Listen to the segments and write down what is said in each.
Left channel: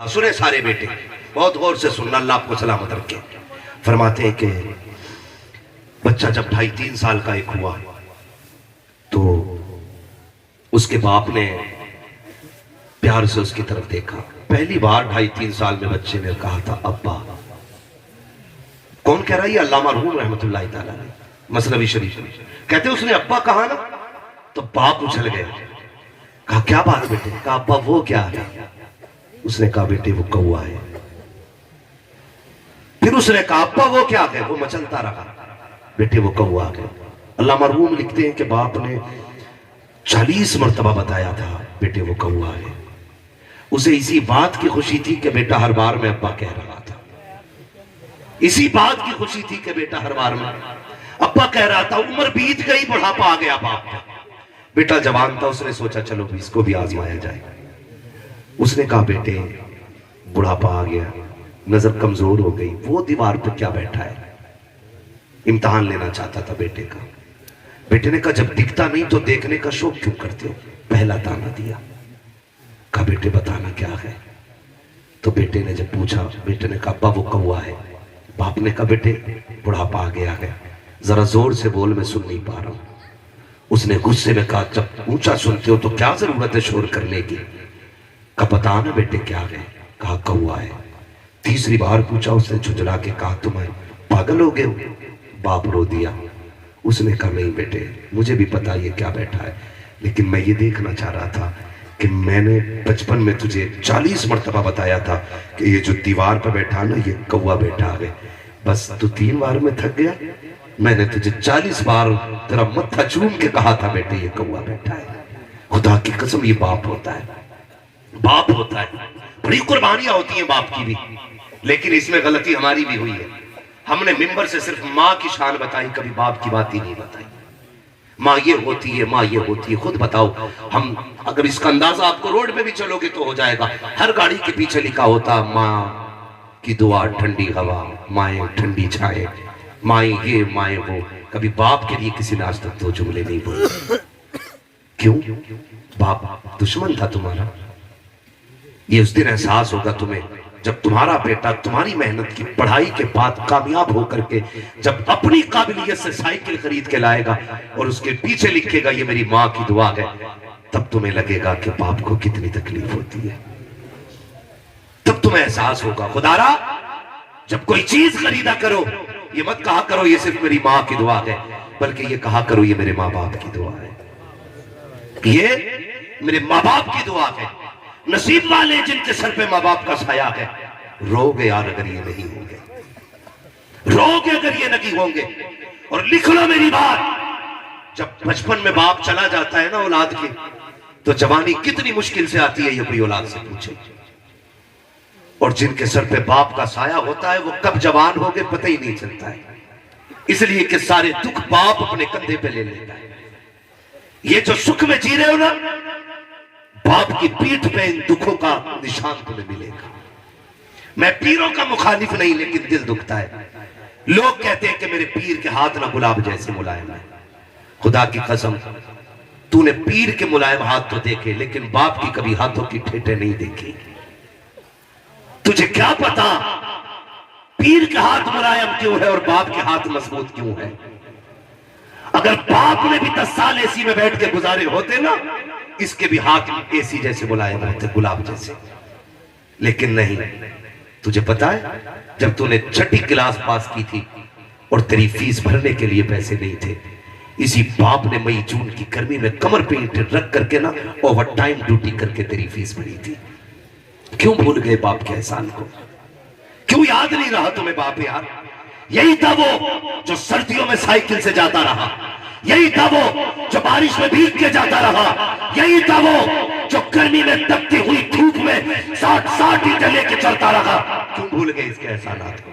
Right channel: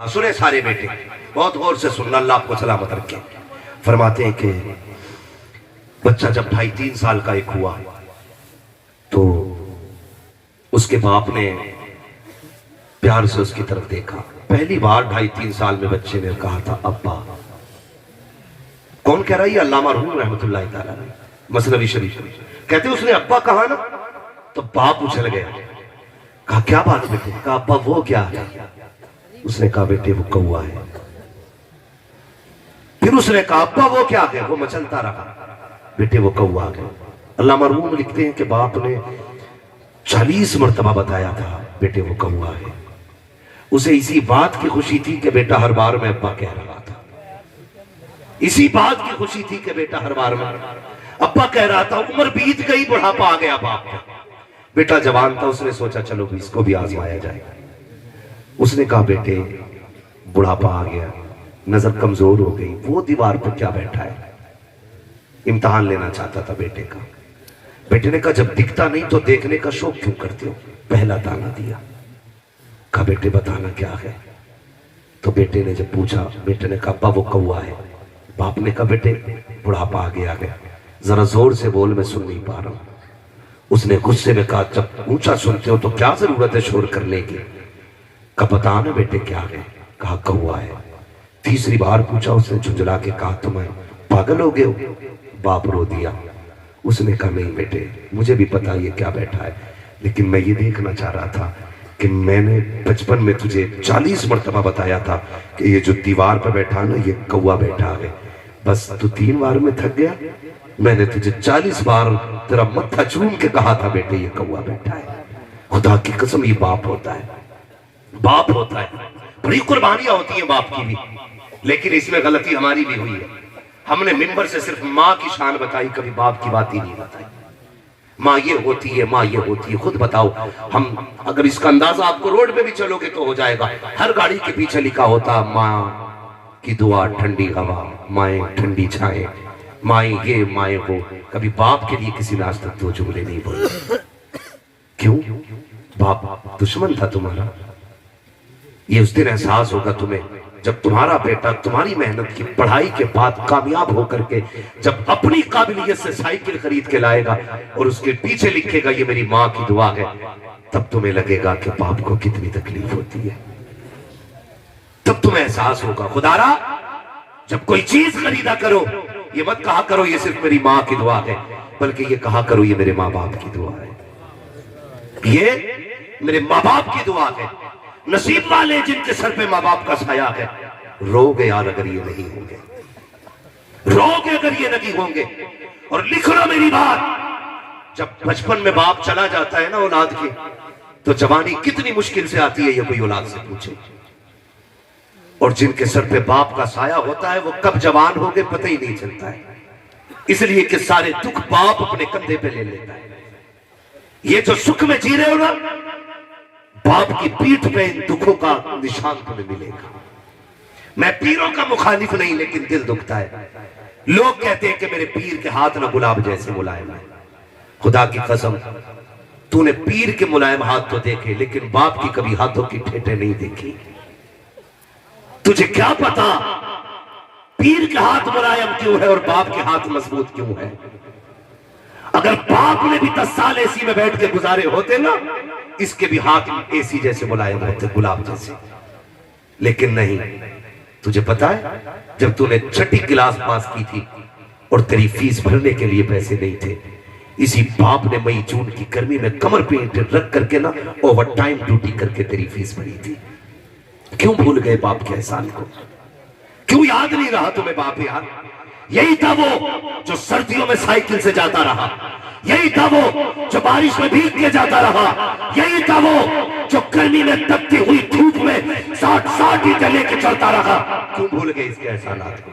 سنے سارے بیٹے بہت غور سے سننا، اللہ آپ کو سلامت رکھے۔ فرماتے ہیں کہ بچہ جب 2.5-3 سال کا ایک ہوا تو اس کے باپ نے پیار سے اس کی طرف دیکھا۔ پہلی بار 2.5-3 سال میں بچے نے کہا تھا ابا۔ کون کہہ رہا ہے؟ یہ علامہ مرحوم رحمۃ اللہ تعالیٰ نے مثنوی شریف کہتے ہیں اس نے ابا کہا نا تو باپ اچھل گیا، کہا کیا بات بیٹے؟ کہا ابا وہ کیا ہے؟ اس نے کہا بیٹے وہ کوا ہے۔ پھر اس نے کہا ابا وہ کیا ہے؟ وہ مچلتا رہا، بیٹے وہ کوا ہے۔ اللہ مرحوم لکھتے ہیں کہ باپ نے 40 مرتبہ بتایا تھا بیٹے وہ کوا ہے۔ اسے اسی بات کی خوشی تھی کہ بیٹا ہر بار میں ابا کہہ رہا تھا، اسی بات کی خوشی تھی کہ بیٹا ہر بار میں ابا کہہ رہا تھا۔ عمر بیت گئی، بڑھاپا آ گیا باپ کا، بیٹا جوان تھا، اس نے سوچا چلو بھی اس کو بھی آزمایا جائے۔ اس نے کہا بیٹے بڑھاپا آ گیا، نظر کمزور ہو گئی، وہ دیوار پہ کیا بیٹھا ہے؟ امتحان لینا چاہتا تھا بیٹے کا۔ بیٹے نے کہا جب دکھتا نہیں تو دیکھنے کا شوق کیوں کرتے ہو؟ پہلا دانا دیا، کہا بیٹے بتانا کیا ہے؟ تو بیٹے نے جب پوچھا، بیٹے نے کہا ابا وہ کوا ہے۔ باپ نے کہا بیٹے بڑھاپا آ گیا ہے، ذرا زور سے بول، میں سن نہیں پا رہا ہوں۔ اس نے غصے میں کہا جب اونچا سنتے ہو تو کیا ضرورت ہے شور کرنے کی؟ کہا بتانا بیٹے کیا ہے؟ کہا کوا ہے۔ تیسری بار پوچھا، اس نے جھنجھلا کے کہا تمہیں پاگل ہو گئے ہو؟ باپ رو دیا۔ اس نے کہا نہیں بیٹے مجھے بھی پتا یہ کیا بیٹھا ہے، لیکن میں یہ دیکھنا چاہ رہا تھا کہ میں نے بچپن میں تجھے 40 مرتبہ بتایا تھا کہ یہ جو دیوار پہ بیٹھا نا یہ کوا بیٹھا ہے، بس تو 3 بار میں تھک گیا۔ میں نے تجھے 40 بار تیرا متھا چوم کے کہا تھا بیٹے یہ کوا بیٹھا ہے۔ خدا کی قسم یہ باپ ہوتا ہے، باپ ہوتا ہے۔ بڑی قربانیاں ہوتی ہیں باپ کی بھی، لیکن اس میں غلطی ہماری بھی ہوئی ہے۔ ہم نے ممبر سے صرف ماں کی شان بتائی، کبھی باپ کی بات ہی نہیں بتائی۔ ماں یہ ہوتی ہے، ماں یہ ہوتی ہے۔ خود بتاؤ، ہم اگر اس کا اندازہ آپ کو روڈ پہ بھی چلو گے تو ہو جائے گا، ہر گاڑی کے پیچھے لکھا ہوتا ماں کی دعا ٹھنڈی ہوا، مائیں ٹھنڈی چھائیں، مائیں یہ مائیں وہ۔ کبھی باپ کے لیے کسی نے آج تک 2 جملے نہیں بولے۔ کیوں؟ باپ دشمن تھا تمہارا؟ یہ اس دن احساس ہوگا تمہیں جب تمہارا بیٹا تمہاری محنت کی پڑھائی کے بعد کامیاب ہو کر کے جب اپنی قابلیت سے سائیکل خرید کے لائے گا اور اس کے پیچھے لکھے گا یہ میری ماں کی دعا ہے، تب تمہیں لگے گا کہ باپ کو کتنی تکلیف ہوتی ہے۔ تب تمہیں احساس ہوگا خدا را جب کوئی چیز خریدا کرو یہ مت کہا کرو یہ صرف میری ماں کی دعا ہے، بلکہ یہ کہا کرو یہ میرے ماں باپ کی دعا ہے، یہ میرے ماں باپ کی دعا ہے۔ نصیب والے جن کے سر پہ ماں باپ کا سایہ ہے، رو گے یار اگر یہ نہیں ہوں گے، رو گے اگر یہ نہیں ہوں گے۔ اور لکھ لو میری بات، جب بچپن میں باپ چلا جاتا ہے نا اولاد کی، تو جوانی کتنی مشکل سے آتی ہے یہ کوئی اولاد سے پوچھے۔ اور جن کے سر پہ باپ کا سایہ ہوتا ہے وہ کب جوان ہو گئے پتہ ہی نہیں چلتا ہے، اس لیے کہ سارے دکھ باپ اپنے کندھے پہ لے لیتا ہے۔ یہ جو سکھ میں جی رہے ہو نا، باپ کی پیٹھ پہ ان دکھوں کا نشان تمہیں ملے گا۔ میں پیروں کا مخالف نہیں، لیکن دل دکھتا ہے۔ لوگ کہتے ہیں کہ میرے پیر کے ہاتھ نہ گلاب جیسے ملائم ہے۔ خدا کی قسم تو نے پیر کے ملائم ہاتھ تو دیکھے، لیکن باپ کی کبھی ہاتھوں کی ٹھیٹے نہیں دیکھی۔ تجھے کیا پتا پیر کے ہاتھ ملائم کیوں ہے اور باپ کے ہاتھ مضبوط کیوں ہے؟ اگر باپ نے بھی 10 سال اے سی میں بیٹھ کے گزارے ہوتے نا، اس کے بھی ہاتھ اے سی جیسے ملائم رہتے، گلاب جیسے۔ لیکن نہیں، تجھے پتا ہے جب تو نے 6ٹھی کلاس پاس کی تھی اور تیری فیس بھرنے کے لیے پیسے نہیں تھے، اسی باپ نے مئی جون کی گرمی میں کمر پہ اینٹیں رکھ کر کے نا اوور ٹائم ڈیوٹی کر کے تیری فیس بھری تھی۔ کیوں بھول گئے باپ کے احسان کو؟ کیوں یاد نہیں رہا تمہیں باپ یار؟ یہی تھا وہ جو سردیوں میں سائیکل سے جاتا رہا، یہی تھا وہ جو بارش میں بھیگ کے جاتا رہا، یہی تھا وہ جو گرمی میں تپتی ہوئی دھوپ میں 60 اینٹیں لے کے چلتا رہا۔ کیوں بھول گئے اس کے احسانات کو؟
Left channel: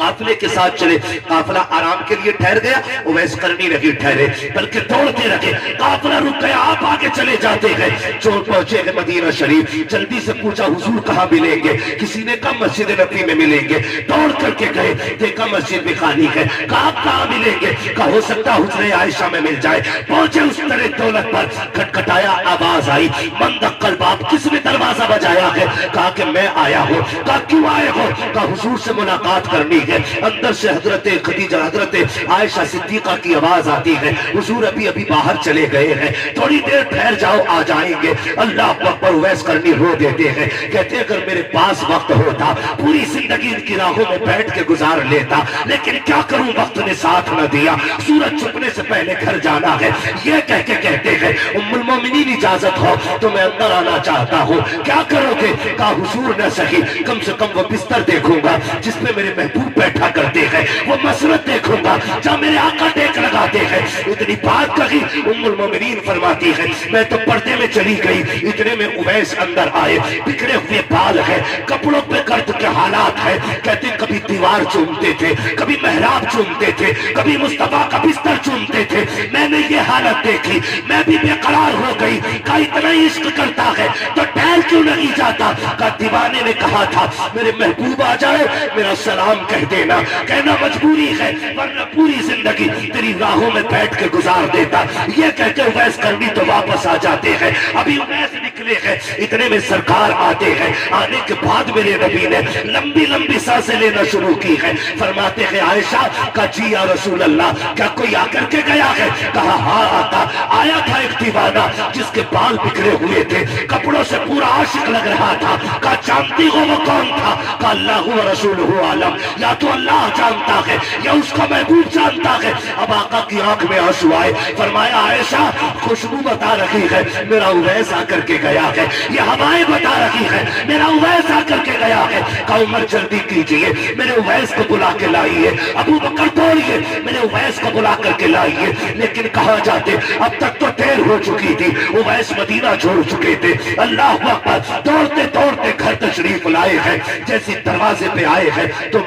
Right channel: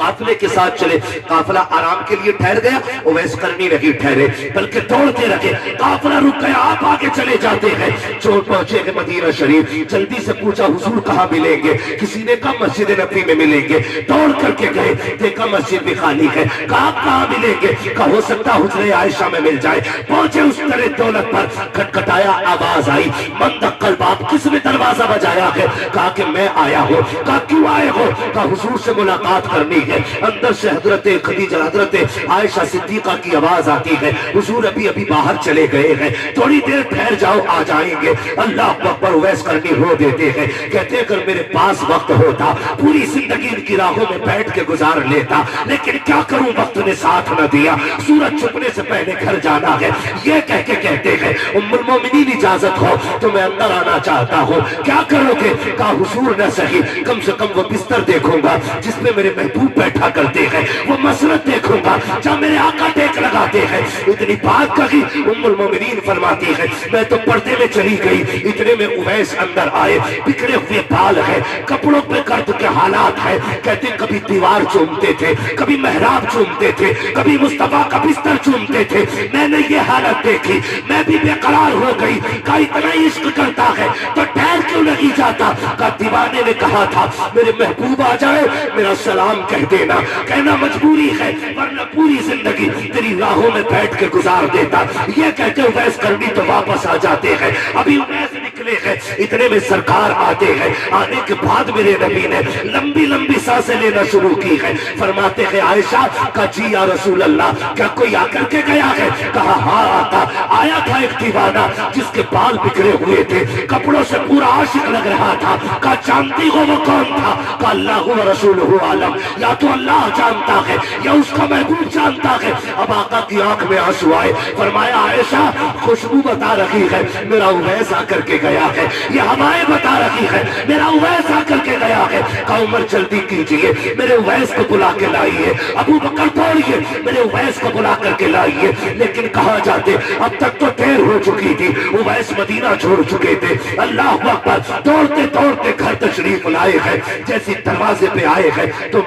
قافلے کے ساتھ چلے. قافلہ آرام کے لیے ٹھہر گیا, اویس کرنی نہیں ٹھہرے بلکہ دوڑتے رہے. قافلہ رک گیا, آپ آگے چلے جاتے ہیں. چوٹ پہنچے ہیں مدینہ شریف, جلدی سے پوچھا حضور کہاں ملیں گے؟ کسی نے کہا مسجد نبی میں ملیں گے. دوڑ کر کے گئے, دیکھا مسجد بھی خالی ہے. کہا کہاں ملیں گے؟ کہا ہو سکتا حجرہ عائشہ میں مل جائے. پہنچے اس طرح دولت پر, کھٹکھٹایا, آواز آئی, من دقل باب, کس نے دروازہ بجایا ہے؟ کہا کہ میں آیا ہوں. کہا کیوں آئے ہو؟ کہا حضور سے ملاقات کرنی ہے. اندر سے حضرت خدیجہ, حضرت عائشہ صدیقہ کی آواز آتی ہے, حضور ابھی باہر چلے گئے ہیں, تھوڑی دیر ٹھہر جاؤ, آ جائیں گے. اللہ اکبر. اویس کرنی رو دیتے ہیں, کہتے ہیں اگر میرے پاس وقت ہوتا پوری زندگی ان کی راہوں میں بیٹھ کے گزار لیتا, لیکن کیا کروں وقت نے ساتھ نہ دیا. سورج چھپنے سے پہلے گھر جانا ہے. یہ کہہ کے کہتے ہیں ام المومنین اجازت ہو تو میں اندر آنا چاہتا ہوں. کیا کرو گے؟ کہا حضور نہ سہی, کم سے کم وہ بستر دیکھوں گا جس میں میرے محبوب بیٹھا کرتے ہیں, وہ مسرت دیکھوں گا جہاں میرے آقا ٹیک لگاتے ہیں. اتنی بات کہی, ام المومنین فرماتی ہے میں تو پردے میں چلی گئی. اتنے میں اویس اندر آئے, بکھرے ہوئے بال ہے, کپڑوں پہ گرد کے حالات ہے. کہتے کبھی دیوار چومتے تھے, کبھی محراب چومتے تھے, کبھی مصطفیٰ کا بستر چومتے تھے. میں نے یہ حالت دیکھی, میں بھی بے قرار ہو گئی. کہا اتنا عشق کرتا ہے تو ٹھہر کیوں نہیں جاتا؟ کہا دیوانے نے کہا تھا میرے محبوب آ جائے میرا سلام کہہ دینا. کہنا مجبوری ہے ورنہ پوری زندگی تیری راہوں میں بیٹھ کے گزار دیتا. یہ کہتے اویس کرنی تو واپس آ جاتے ہیں. ابھی اویس نکلے ہیں, اتنے میں سرکار آتے ہیں. آنے کے بعد میرے نبی نے لمبی لمبی سانسیں لینا شروع کی ہے. فرماتے ہیں عائشہ کا جی یا رسول اللہ, کیا کوئی آ کر کے گیا ہے؟ کہا ہاں آقا, آیا تھا ایک دیوانہ جس کے بال بکھرے ہوئے تھے, کپڑوں سے پورا عاشق لگ رہا تھا. کہا جانتی ہو وہ کون تھا؟ کہا اللہ و رسولہ عالم, یا تو اللہ جانتا ہے یا اس کا محبوب جانتا ہے. اب آقا کی آنکھ میں آنسو آئے. فرمایا عائشہ خوشبو بتا رہی ہے میرا اویس آ کر کے گیا ہے, یہ ہوائیں بتا رہی ہے میرا اویس آ کر کے گیا ہے. کہا عمر جلدی کیجئے, میرے اویس کو بلا کے لائیے. ابو بکر دوڑیے, میرے اویس کو بلا کر کے لائیے. لیکن کہاں جاتے, اب تک تو دیر ہو چکی تھی, اویس مدینہ چھوڑ چکے تھے. اللہ اکبر. دوڑتے دوڑتے گھر تشریف لائے ہیں. جیسی دروازے پہ آئے ہیں تو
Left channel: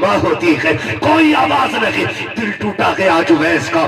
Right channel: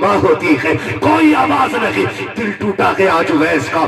ماں ہوتی ہے, کوئی آواز نہیں. دل ٹوٹا ہے آج اویس کا.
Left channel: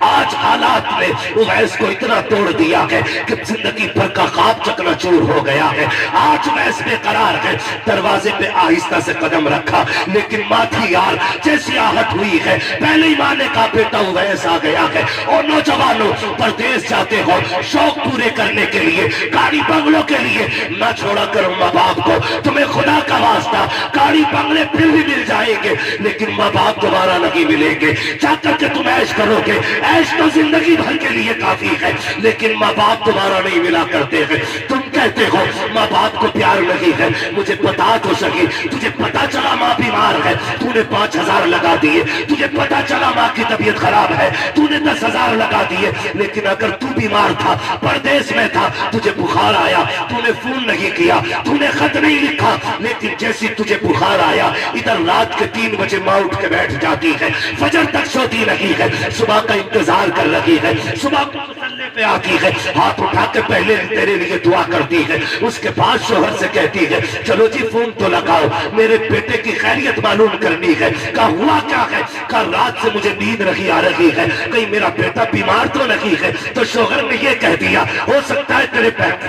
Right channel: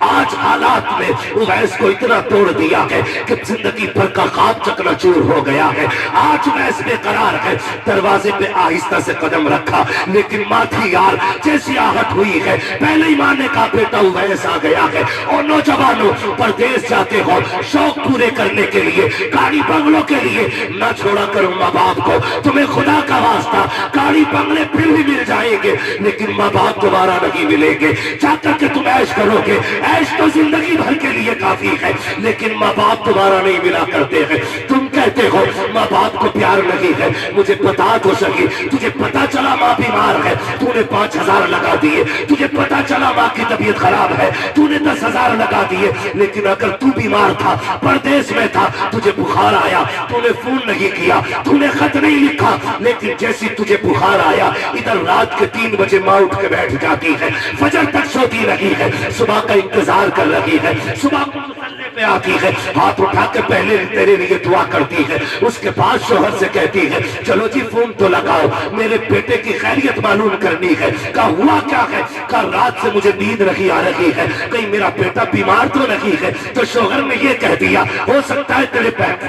آج حالات میں اویس کو اتنا توڑ دیا ہے کہ زندگی بھر کا خواب چکنا چور ہو گیا ہے. آج اویس بے قرار ہے. دروازے پہ آہستہ سے قدم رکھا, لیکن ماں تھی یار, جیسی آہٹ ہوئی ہے پہلے ہی ماں نے کہا بیٹا اویس آ گیا ہے. اور نوجوانوں پردیس جاتے ہو شوق پورے کرنے کے لیے, گاڑی بنگلوں کے لیے, نہ چھوڑا کرو ماں باپ کو. تمہیں خدا کا واسطہ گاڑی بنگلے پھر بھی مل جائیں گے لیکن ماں باپ دوبارہ نہیں ملیں گے. جا کر کے تم عیش کرو گے, عیش تو زندگی بھر کے لیے کافی ہے, لیکن ماں باپ دوبارہ نہیں ملا کرتے ہیں. تم کہتے ہو ماں باپ کو پیار نہیں ہے, مجھے بتا تو سکی, تجھے پتا چلا ماں بیمار ہے, تو نے 5,000 لگا دیے. تجھے پتا چلا ماں کی طبیعت خراب ہے, تو نے 10,000 لگا دیے. لیکن اگر تو بیمار تھا, پردیس میں تھا, تجھے بخار آیا, تو نے فون نہیں کیا, تو نے خط نہیں لکھا, لیکن جیسی تجھے بخار آیا ادھر رات کے 3 بجے ماں اٹھ کے بیٹھ جاتی ہے, فجر تک سوتی نہیں ہے, صبح کا انتظار کر رہی ہے, صبح کو مسلے پہ آتی ہے, ہاتھ اٹھا کے پہلے تیرے لیے دعا کرتی ہے. اس کے بعد شوہر سے کہتی ہے چلو جی فون تو لگاؤ, میرے بیٹے کی خیریت معلوم کرنی ہے. کہا ہوا کیا ہے؟ کہا رات سے مجھے نیند نہیں آ رہی ہے, کہیں میرا بیٹا بیمار تو نہیں ہے. تو شوہر نے یہ کہہ دیا ہو سکتا ہے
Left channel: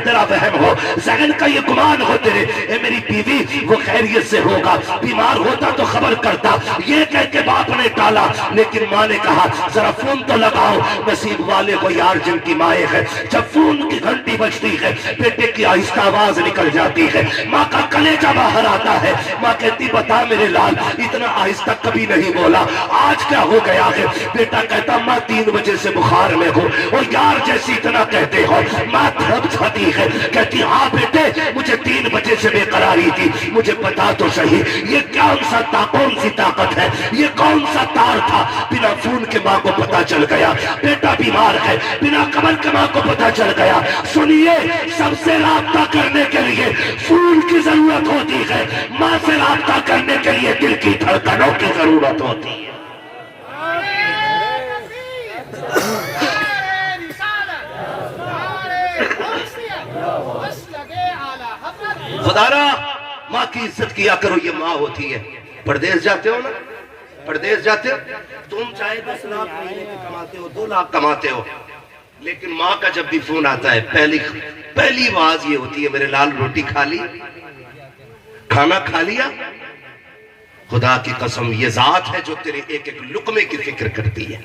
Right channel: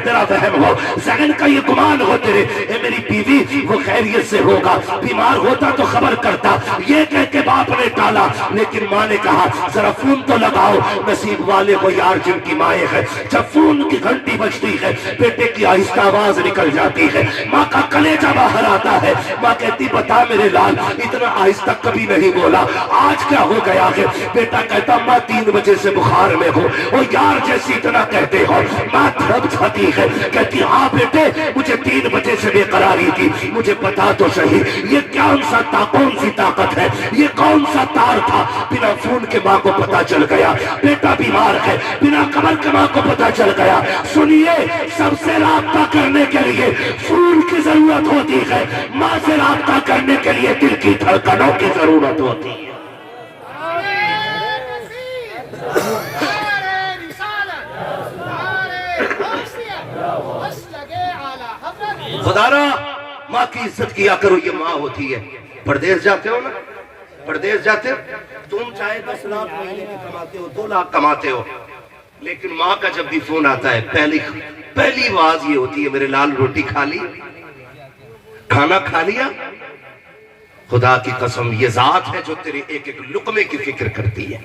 تیرا وہم ہو, ذہن کا یہ گمان ہو تیرے, اے میری بیوی وہ خیریت سے ہوگا, بیمار ہوتا تو خبر کرتا. یہ کہہ کے باپ نے ٹالا, لیکن ماں نے کہا ذرا فون تو لگاؤ, نصیب والے ہو یار جن کی مائیں ہے. جب فون کی گھنٹی بجتی ہے بیٹے کی آہستہ آواز نکل جاتی ہے, ماں کا کلیجہ باہر آتا ہے. ماں کہتی بتا میرے لال, اتنا آہستہ کبھی نہیں بولا, آج کیا ہو گیا ہے؟ بیٹا کہتا ماں 3 بجے سے بخار میں ہوں. اور یار جیسی اتنا کہتے ہو, ماں تھرپ جاتی ہے, کہتی ہاں بیٹے مجھے 3 بجے سے بے قراری تھی, مجھے بتا تو صحیح یہ کون سی طاقت ہے, یہ کون سا تار تھا؟ بنا فون کے ماں کو پتا چل گیا بیٹا بیمار ہے, بنا خبر کے ماں کو پتا چل گیا. سنیے, سب سے رابطہ کرنے کے لیے فون کی ضرورت ہوتی ہے, ماں سے رابطہ کرنے کے لیے دل کی دھڑکنوں کی ضرورت ہوتی ہے. خدا را ماں کی عزت کیا کرو، یہ ماں ہوتی ہے۔ پردیس جاتے ہو نا، پردیس جاتے ہو، تم چاہے 10 لاکھ مہینے کی کماتے ہو، 2 لاکھ کماتے ہو، لیکن ماں کا جب بھی فون آتا ہے پہلی آواز یہ ہوتی ہے، میرے لال روٹی کھا لی، کھانا کھا لیا؟ خدا کی قسم یہ ذات ہے جو تیرے ایک ایک لقمے کی فکر کرتی ہے۔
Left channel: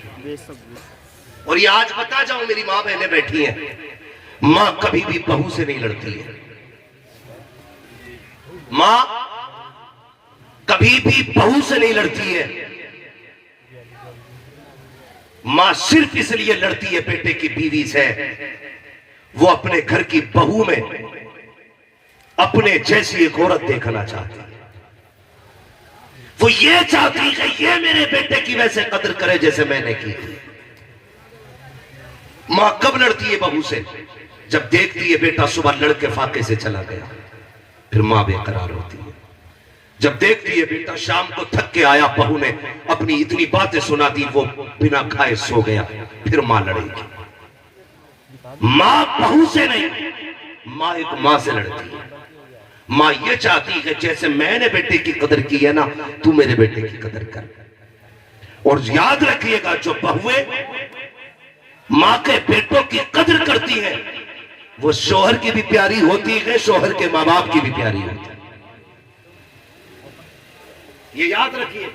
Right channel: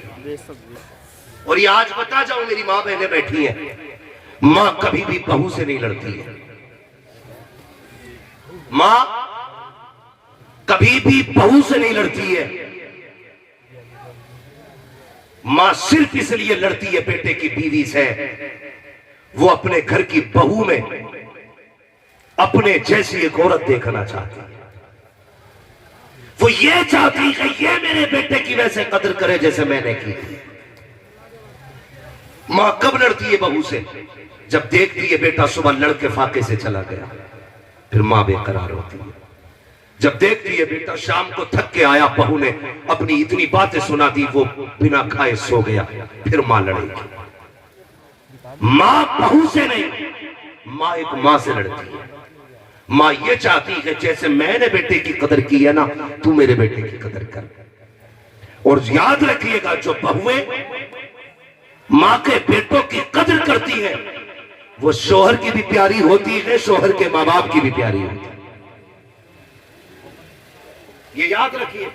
اور یہ آج بتا جاؤں، میری ماں بہنیں بیٹھی ہیں، ماں کبھی بھی بہو سے نہیں لڑتی ہے، ماں کبھی بھی بہو سے نہیں لڑتی ہے، ماں صرف اس لیے لڑتی ہے بیٹے کی بیوی سے، وہ اپنے گھر کی بہو میں اپنے جیسی ایک عورت دیکھنا چاہتی ہے، وہ یہ چاہتی ہے کہ یہ میرے بیٹے کی ویسے قدر کرے جیسے میں نے کی تھی۔ ماں کب لڑتی ہے بہو سے؟ جب دیکھتی ہے بیٹا صبح لڑ کے فاقے سے چلا گیا، پھر ماں بے قرار ہوتی ہے۔ جب دیکھتی ہے بیٹا شام کو تھک کے آیا، بہو نے اپنی اتنی باتیں سنا دی، وہ بنا کھائے سو گیا، پھر ماں لڑے گی۔ ماں بہو سے نہیں، ماں ایک ماں سے لڑتی ہے۔ ماں یہ چاہتی ہے جیسے میں نے بیٹے کی قدر کی ہے نا، تو میرے بیٹے کی قدر کر۔ اور یاد رکھیے گا، جو بہویں ماں کے بیٹوں کی قدر کرتی ہیں وہ شوہر کی بھی پیاری ہوتی ہے، شوہر کے ماں باپ کی بھی پیاری ہوتی ہے۔ یہ یاد رکھیے،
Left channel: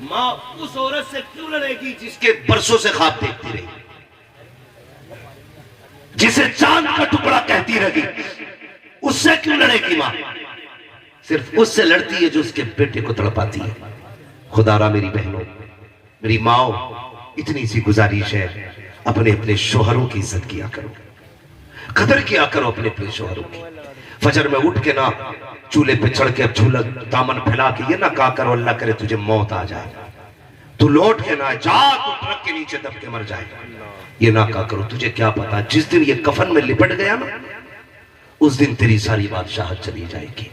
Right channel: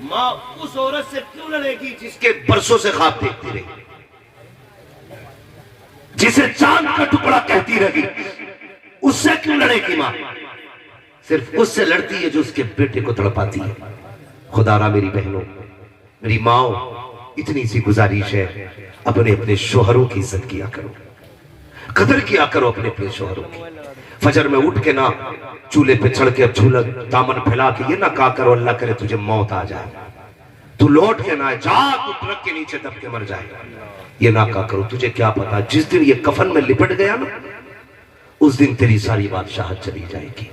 ماں اس عورت سے کیوں لڑے گی جس کے برسوں سے خواب دیکھتی رہی، جسے چاند کا ٹکڑا کہتی رہی، اس سے کیوں لڑے گی ماں؟ صرف اس سے لڑتی ہے جو اس کے بیٹے کو تڑپاتی ہے۔ خدا را میری بہنوں، میری ماں، اتنی سی گزارش ہے، اپنے شوہروں کی عزت کیا کرو، قدر کیا کرو اپنے شوہروں کی۔ فجر میں اٹھ کے نہ چولہے پہ چڑھ کے جھولا دامن پھیلا کے یہ نہ کہا کرو اللہ کرے تجھے موت آ جائے، تو لوٹ کے نہ جا، تو ٹرک کے نیچے دب کے مر جائے گا، یہ نہ کہا کرو۔ تجھے کیا پتا جس دن یہ کفن میں لپٹ گیا نا، اس دن تیری ساری بادشاہت چلی جائے گی۔